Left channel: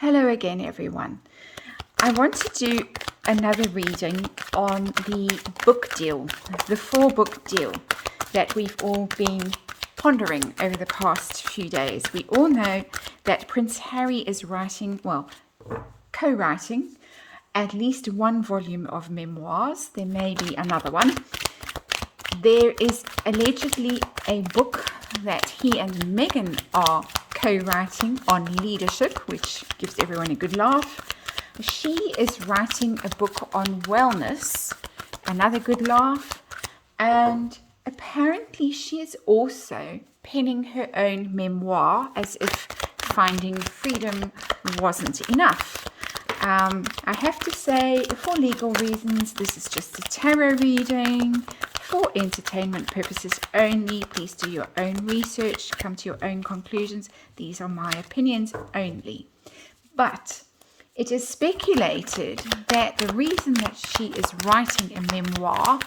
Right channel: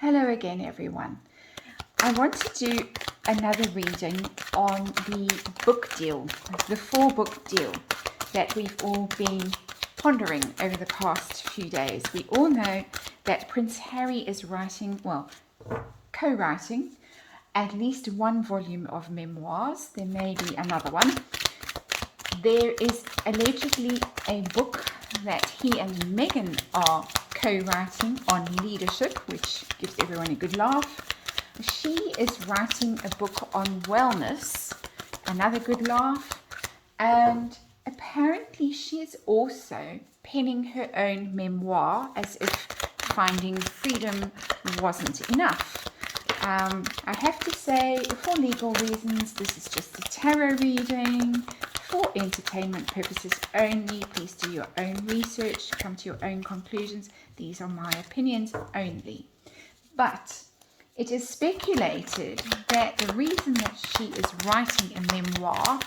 Hello again, everyone. I want to do another reading on the book deal, the 4-book deal that we've all been pondering over the past few days. We all know that Prince Harry is co-writing at least one volume of memoirs. There may be another one. There is allegedly a book that he and Meghan are co-writing on leadership, which gives everyone a good laugh. She is writing a book on wellness, another good laugh. And apparently she is also penning her own memoir, as if finding freedom wasn't enough. I have to say, for legal reasons, this is just a tarot reading. For entertainment purposes only. Please do your own research, come to your own conclusions. These are my opinions only. But it is speculated that the reason that she is writing a memoir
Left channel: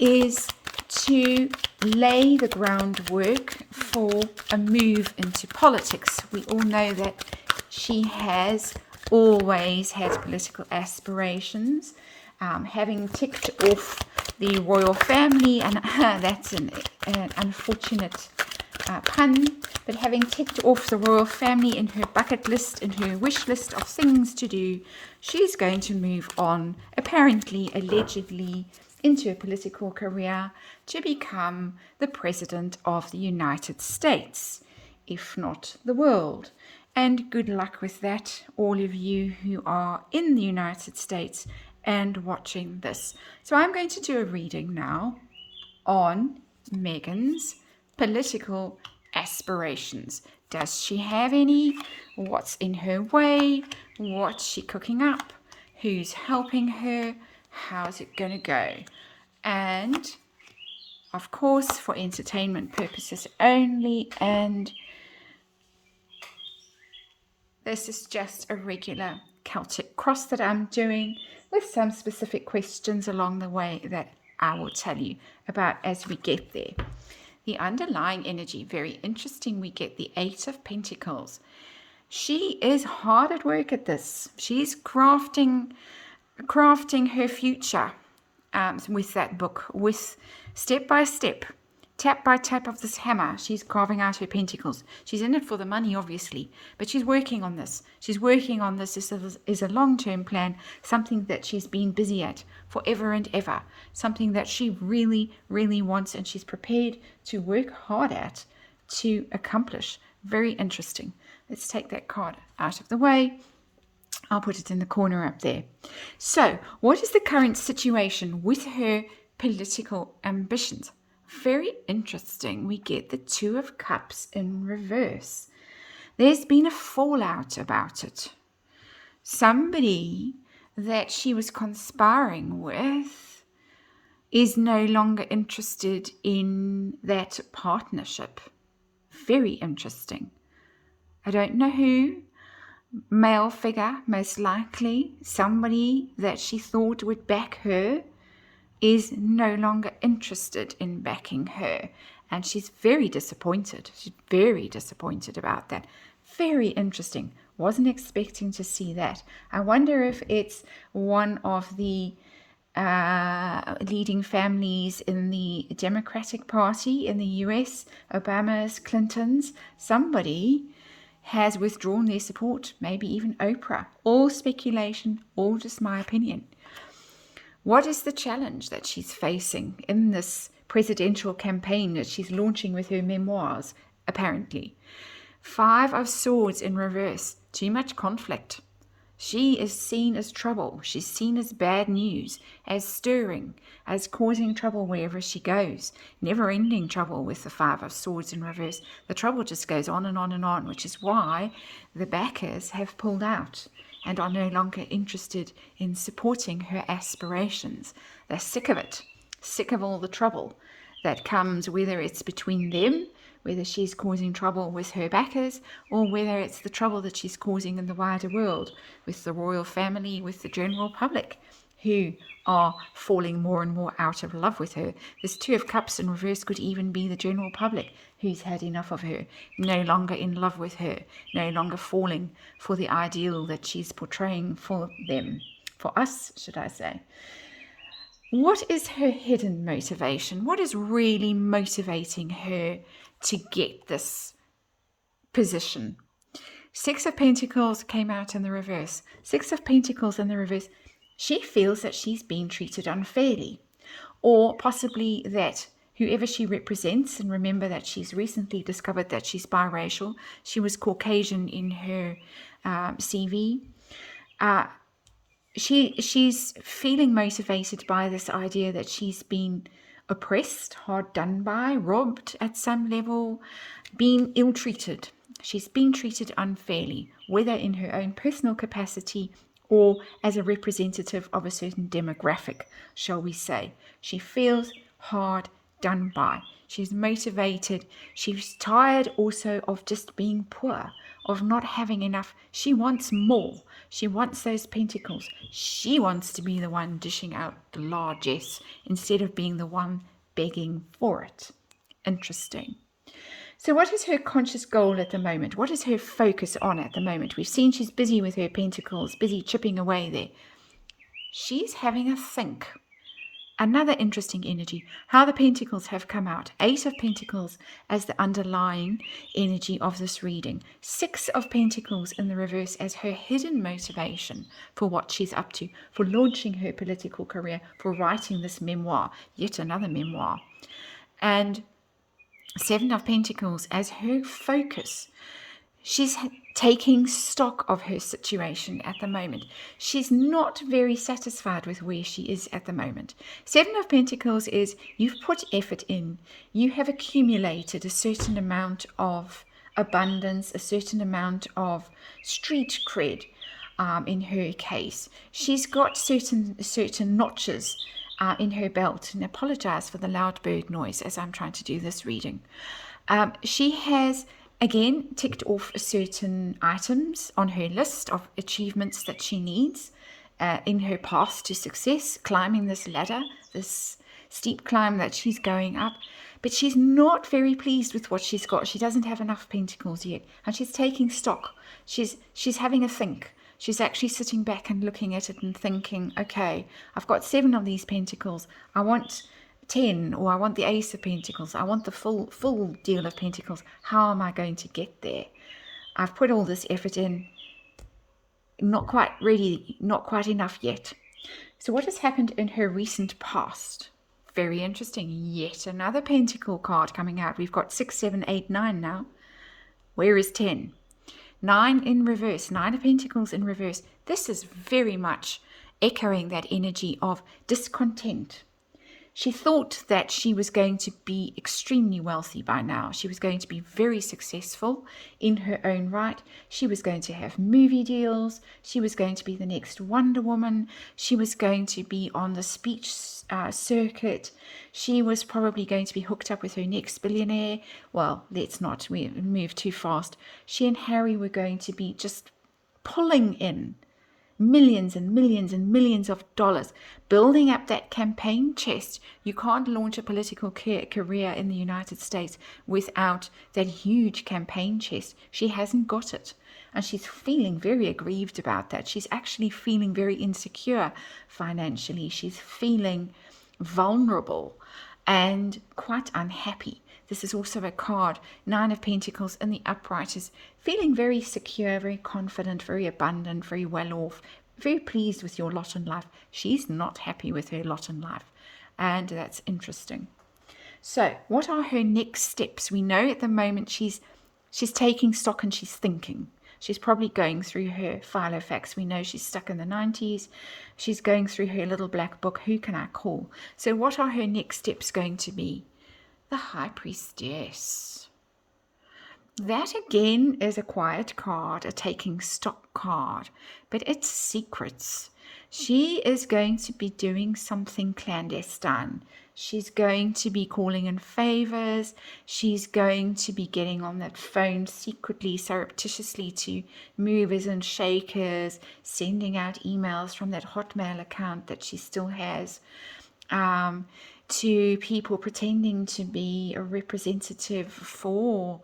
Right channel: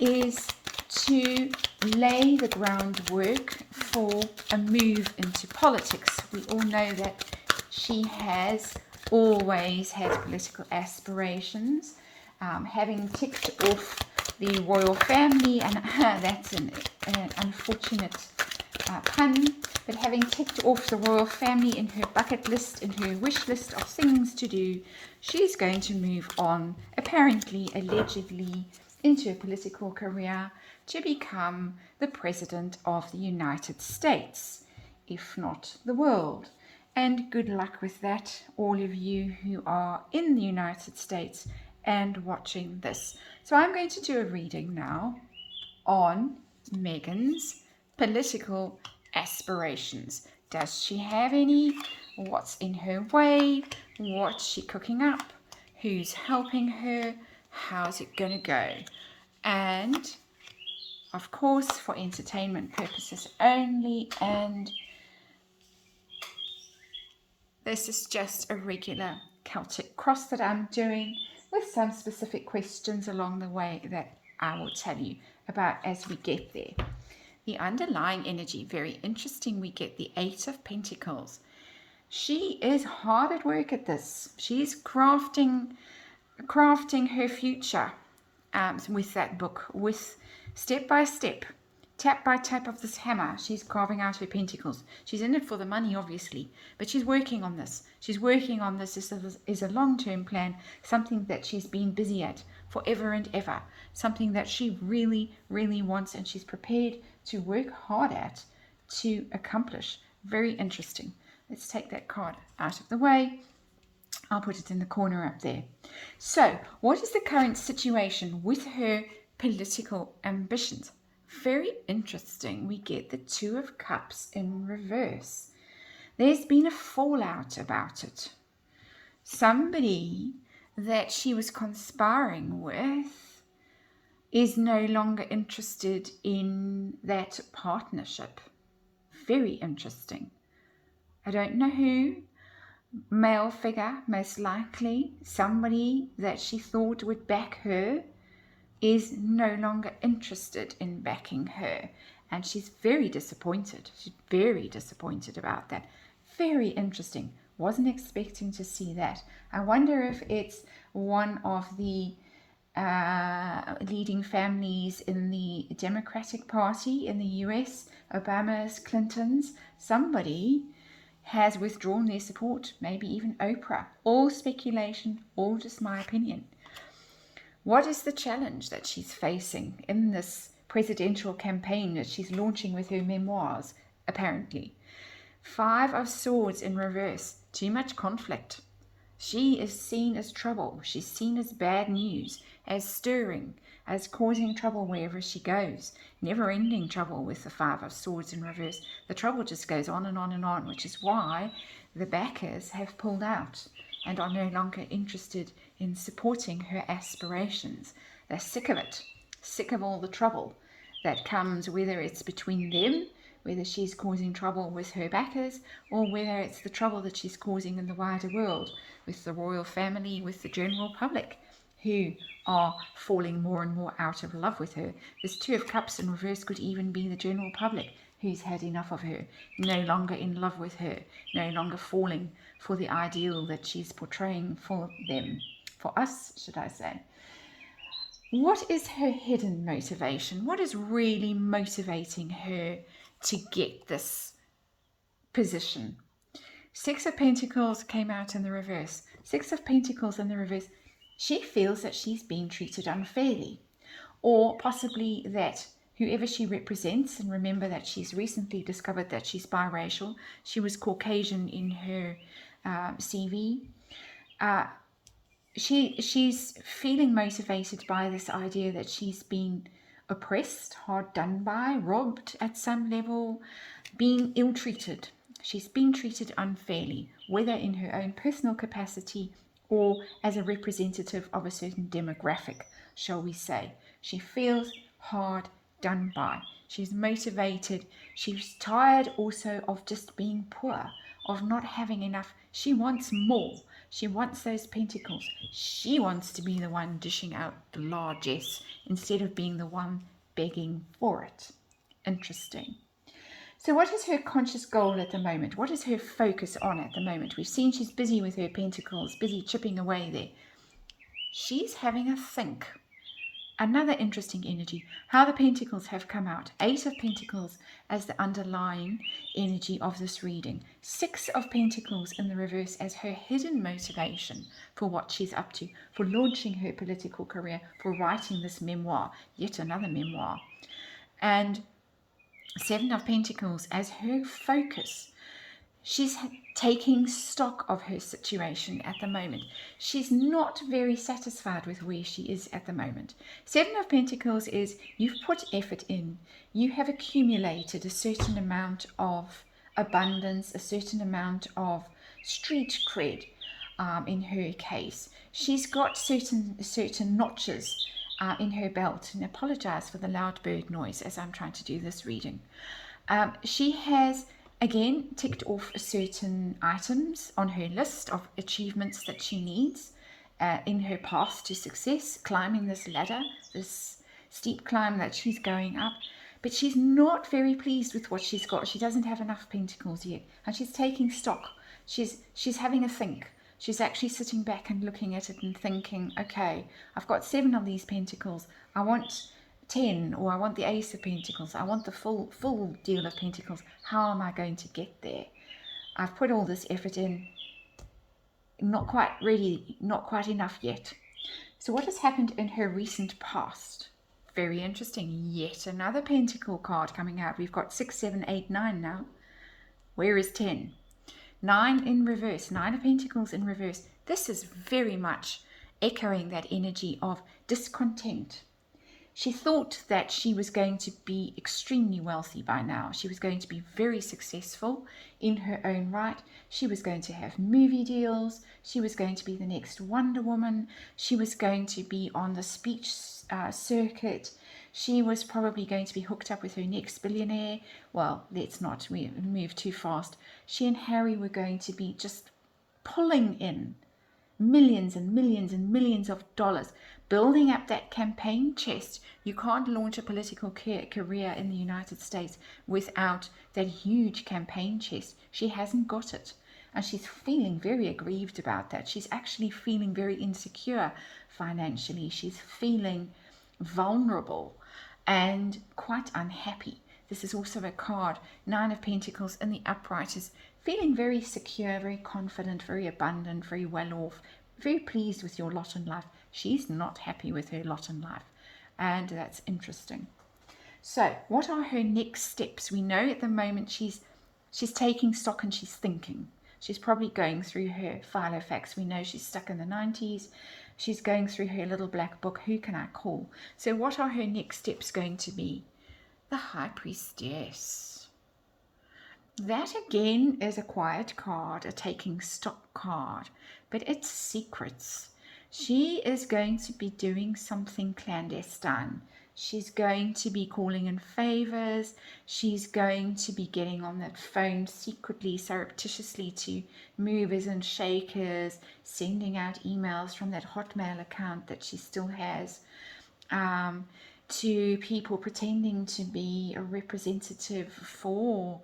is to lay the groundwork for a move into politics. We all know that she has always had political aspirations, having ticked off the royal family, and that's an unfortunate pun, but having ticked off the royal family in her bucket list, in her wish list of things to do, she's going to move on, apparently, allegedly, into a political career to become the President of the United States, if not the world. And good luck with that, all of you who are in the United States and watching this. So I'm going to do a reading now on Meghan's political aspirations. Does she have any? What's in her way? What's she cooking up? Who's helping her? How's it going to go? And of course, for entertainment purposes only, and this is just a regular Celtic cross that I'm doing with some specific questions along the way that I will tell you about as we get there. The underlying energy, very interesting. We get the 8 of Pentacles. She is hard at work at this. She's crafting her future with that book, with step by step, tap by tap of this hammer. She's carving out her pentacles. She's in it for the money, obviously, but she's working on this. She's working on this is a long-term plan, something that she's been busy at forever and ever, something that she really, really wants, and she's prepared to work hard at to accomplish. Very interesting. Let's take that card out of the way. I'll put it in the corner up there. So, what is the current situation with her political ambitions? Very interesting. We get the 2 of Cups in reverse. There's been a fallout about it. Somebody that she was conspiring with is no longer interested in that partnership. Very interesting. I don't know who. Male figure, most likely. Somebody that she thought would back her is no longer interested in backing her, and she's very disappointed. She's very disappointed about that. Very interesting. Wasn't expecting to see that. I wonder if it's one of the leading families in the Democratic Party in the US, Obama's, Clinton's. Somebody has withdrawn their support, maybe even Oprah. All speculation, all just my opinion. What is the challenge that she's facing in this presidential campaign that she's launching with her memoirs, apparently? 5 of Swords in reverse. Too much conflict. She is seen as trouble. She's seen as bad news, as stirring, as causing trouble wherever she goes. Never-ending trouble with the 5 of Swords in reverse. The trouble just goes on and on and on, which is why the backers have pulled out and are no longer interested in supporting her aspirations. They're sick of it, sick of all the trouble that comes, whether it's between them, whether she's causing trouble with her backers, or whether it's the trouble that she's causing in the wider world with the royal family, with the general public, who are falling more and more out of love with her. This 2 of Cups in reverse could even be the general public. who's had enough of her, no longer in love with her, no longer falling for the ideal that she's portraying for them, for us, should I say. What is her hidden motivation? What is really motivating her to get this position? Six of Pentacles came out in the reverse. Six of Pentacles in the reverse. She feels that she's being treated unfairly, or possibly that whoever she represents, and remember that she's recently discovered that she's biracial. She was Caucasian in her CV. She's feeling motivated by this idea that she's been oppressed, hard done by, robbed at some level, being ill-treated. She's been treated unfairly, whether in her own personal capacity or as a representative of a certain demographic, shall we say. She feels hard done by. She's motivated. She's tired also of just being poor, of not having enough. She wants more. She wants those pentacles. She wants to be the one dishing out the largesse instead of being the one begging for it. Interesting. So what is her conscious goal at the moment? What is her focus on at the moment? We've seen she's busy with her pentacles, busy chipping away there. She's having a think. Another interesting energy, how the pentacles have come out. 8 of Pentacles as the underlying energy of this reading. 6 of Pentacles in the reverse as her hidden motivation for what she's up to, for launching her political career, for writing this memoir, yet another memoir. And 7 of Pentacles as her focus. She's taking stock of her situation at the moment. She's not very satisfied with where she is at the moment. 7 of Pentacles is you've put effort in. You have accumulated a certain amount of abundance, a certain amount of street cred in her case. She's got certain notches in her belt, and apologize for the loud bird noise as I'm trying to do this reading. She has again ticked off certain items on her list of achievements that she needs in her path to success, climbing this ladder, this steep climb that she's going up. But she's not very pleased with what she's got. She doesn't have enough pentacles yet, and she's taking stock. She's having a think. She's actually sitting back and looking at it and thinking, okay, I've got 7 of these pentacles. I want 10, or I want the Ace of Pentacles. I want the full deal of Pentacles. How am I going to get there? I've put all this effort in. Not quite ready, not quite enough yet. So what has happened in her recent past? Very interesting. Yet another Pentacle card coming out. We've got 6, 7, 8, 9 now. Where is 10? 9 in reverse, 9 of Pentacles in reverse. This is very much echoing that energy of discontent. She thought that she was going to be extremely wealthy by now. She was going to be very successful in her own right. She was going to have movie deals. She was going to be the next Wonder Woman. She was going to be on the speech circuit. She was probably going to be hooked up with her next billionaire. Well, let's not move too fast. She and Harry were going to be just pulling in millions and millions and millions of dollars, building up that campaign chest. You can't launch a political career in the United States without that huge campaign chest. She hasn't got it, and she's feeling very aggrieved about that. She's actually feeling very insecure financially. She's feeling vulnerable and quite unhappy. This is also a card, 9 of Pentacles in the upright, is feeling very secure, very confident, very abundant, very well off, very pleased with your lot in life. She's not happy with her lot in life, and that's interesting. So what are her next steps? We know at the moment she's taking stock and she's thinking. She's probably going through her Filofax. We know she's stuck in the 90s. She's going through her little black book. Who can I call? So what are her next steps going to be? The High Priestess. That again is a quiet card, a taking stock card, but it's secrets. She is going to be doing something clandestine. She's going to be calling in favors. She's going to be getting on that phone secretly, surreptitiously to movers and shakers, sending out emails from that Hotmail account that she still has. to people pretending to be a representative for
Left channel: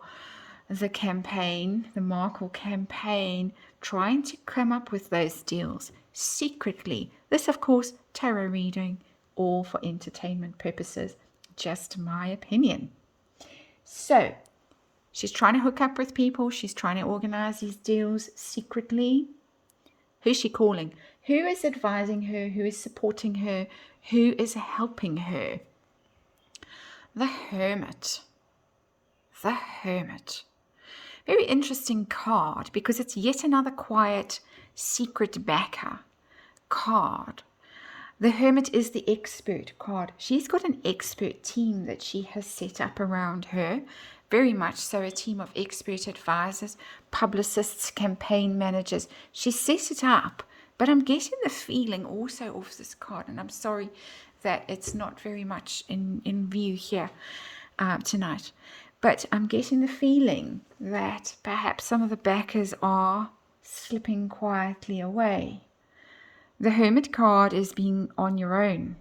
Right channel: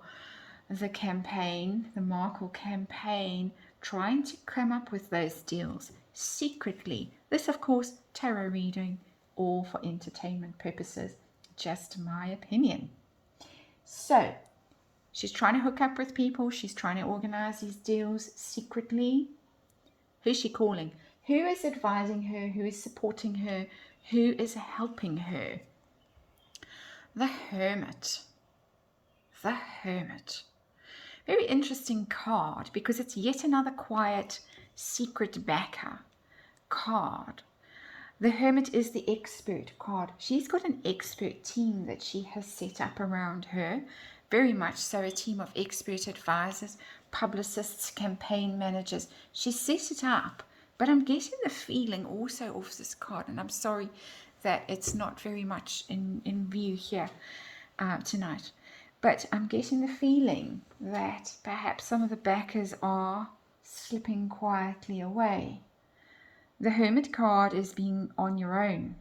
the campaign, the Markle campaign, trying to come up with those deals secretly. This, of course, tarot reading, all for entertainment purposes. Just my opinion. So, she's trying to hook up with people. She's trying to organize these deals secretly. Who's she calling? Who is advising her? Who is supporting her? Who is helping her? The Hermit. The Hermit. Very interesting card because it's yet another quiet, secret backer card. The Hermit is the expert card. She's got an expert team that she has set up around her. Very much so, a team of expert advisors, publicists, campaign managers. She set it up, but I'm getting the feeling also of this card, and I'm sorry that it's not very much in view here tonight. But I'm getting the feeling that perhaps some of the backers are slipping quietly away. The Hermit card is being on your own,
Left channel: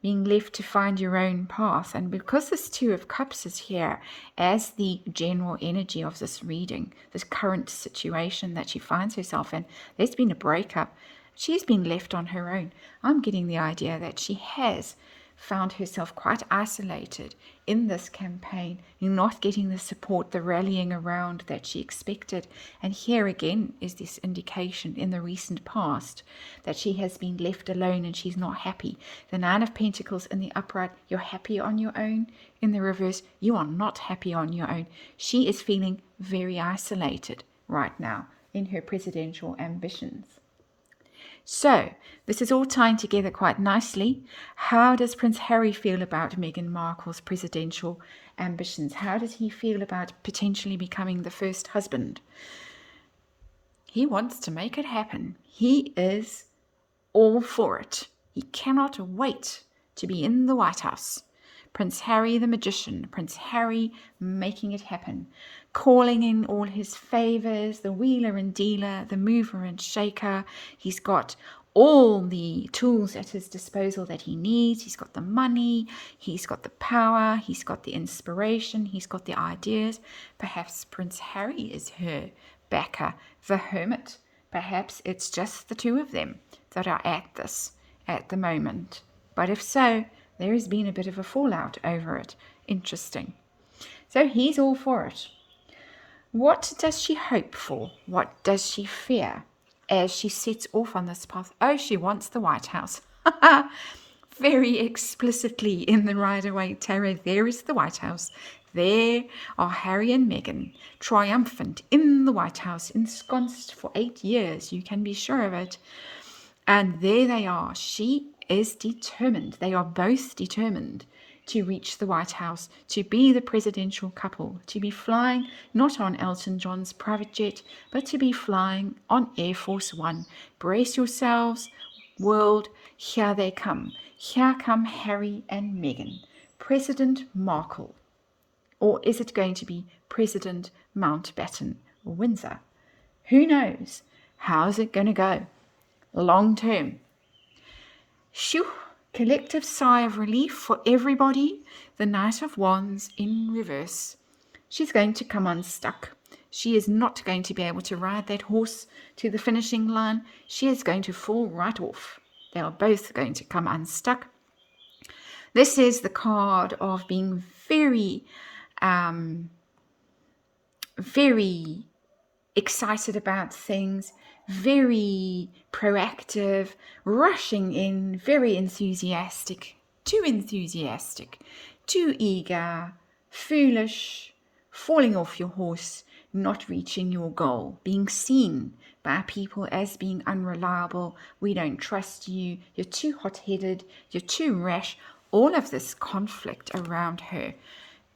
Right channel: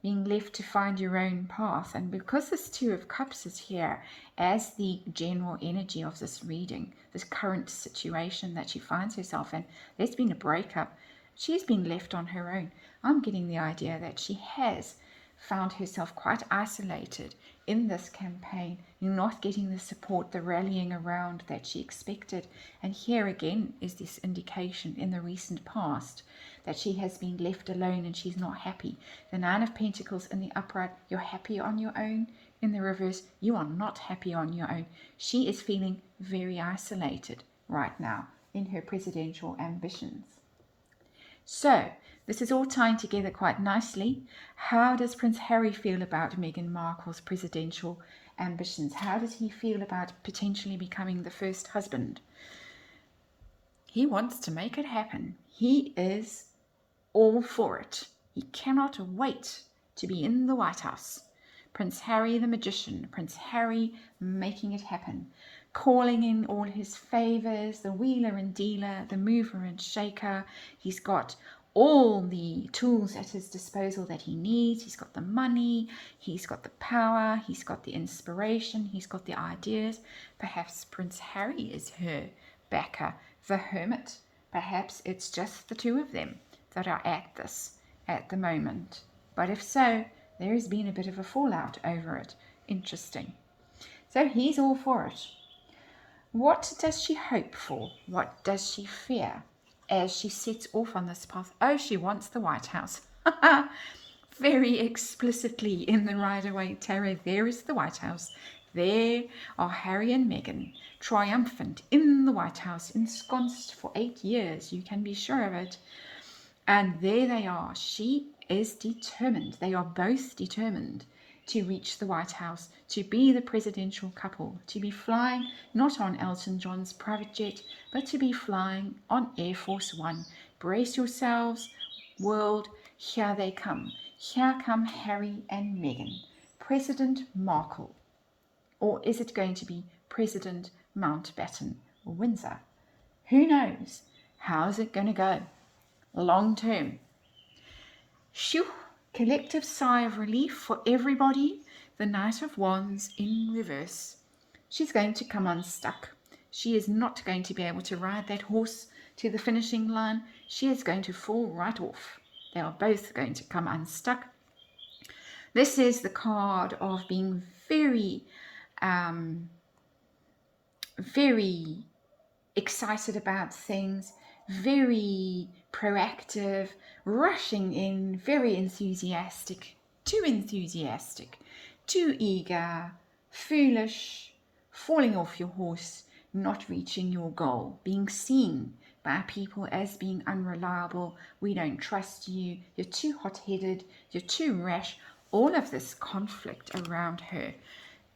being left to find your own path. And because this Two of Cups is here as the general energy of this reading, this current situation that she finds herself in, there's been a breakup. She's been left on her own. I'm getting the idea that she has found herself quite isolated in this campaign. You're not getting the support, the rallying around that she expected. And here again is this indication in the recent past that she has been left alone and she's not happy. The Nine of Pentacles in the upright, you're happy on your own. In the reverse, you are not happy on your own. She is feeling very isolated right now in her presidential ambitions. So, this is all tying together quite nicely. How does Prince Harry feel about Meghan Markle's presidential ambitions? How does he feel about potentially becoming the first husband? He wants to make it happen. He is all for it. He cannot wait to be in the White House. Prince Harry the magician, Prince Harry making it happen, calling in all his favors, the wheeler and dealer, the mover and shaker. He's got all the tools at his disposal that he needs. He's got the money, he's got the power, he's got the inspiration, he's got the ideas. Perhaps Prince Harry is her backer, the Hermit. Perhaps it's just the two of them that are at this at the moment. But if so, there has been a bit of a fallout over it. Interesting. So he's all for it. What does she hope for? What does she fear as she sets off on this path? Oh, she wants the White House. Very explicitly in the Rider-Waite Tarot, there is the White House. There are Harry and Meghan, triumphant in the White House, ensconced for 8 years, you can be sure of it. And there they are. She is determined. They are both determined to reach the White House, to be the presidential couple, to be flying not on Elton John's private jet, but to be flying on Air Force One. Brace yourselves, world. Here they come. Here come Harry and Meghan. President Markle. Or is it going to be President Mountbatten Windsor? Who knows? How's it going to go? Long term. Shoo! Collective sigh of relief for everybody. The Knight of Wands in reverse. She's going to come unstuck. She is not going to be able to ride that horse to the finishing line. She is going to fall right off. They are both going to come unstuck. This is the card of being very, very excited about things, very proactive, rushing in, very enthusiastic, too eager, foolish, falling off your horse, not reaching your goal, being seen by people as being unreliable. We don't trust you, you're too hot-headed, you're too rash. All of this conflict around her.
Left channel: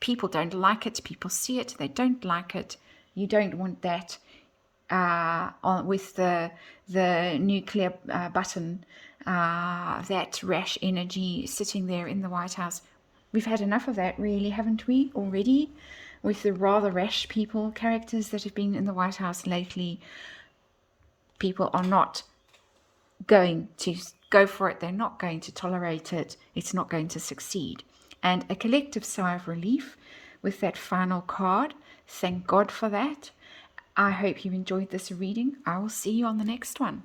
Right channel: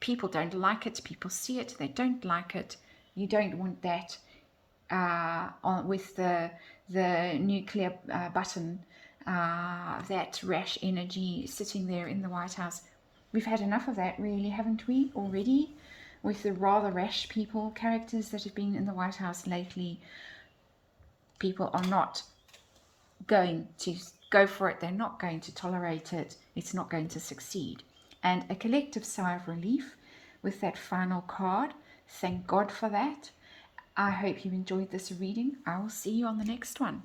People don't like it, people see it, they don't like it. You don't want that. With the nuclear button, that rash energy sitting there in the White House. We've had enough of that, really, haven't we, already? With the rather rash characters that have been in the White House lately. People are not going to go for it. They're not going to tolerate it. It's not going to succeed. And a collective sigh of relief with that final card. Thank God for that. I hope you enjoyed this reading. I will see you on the next one.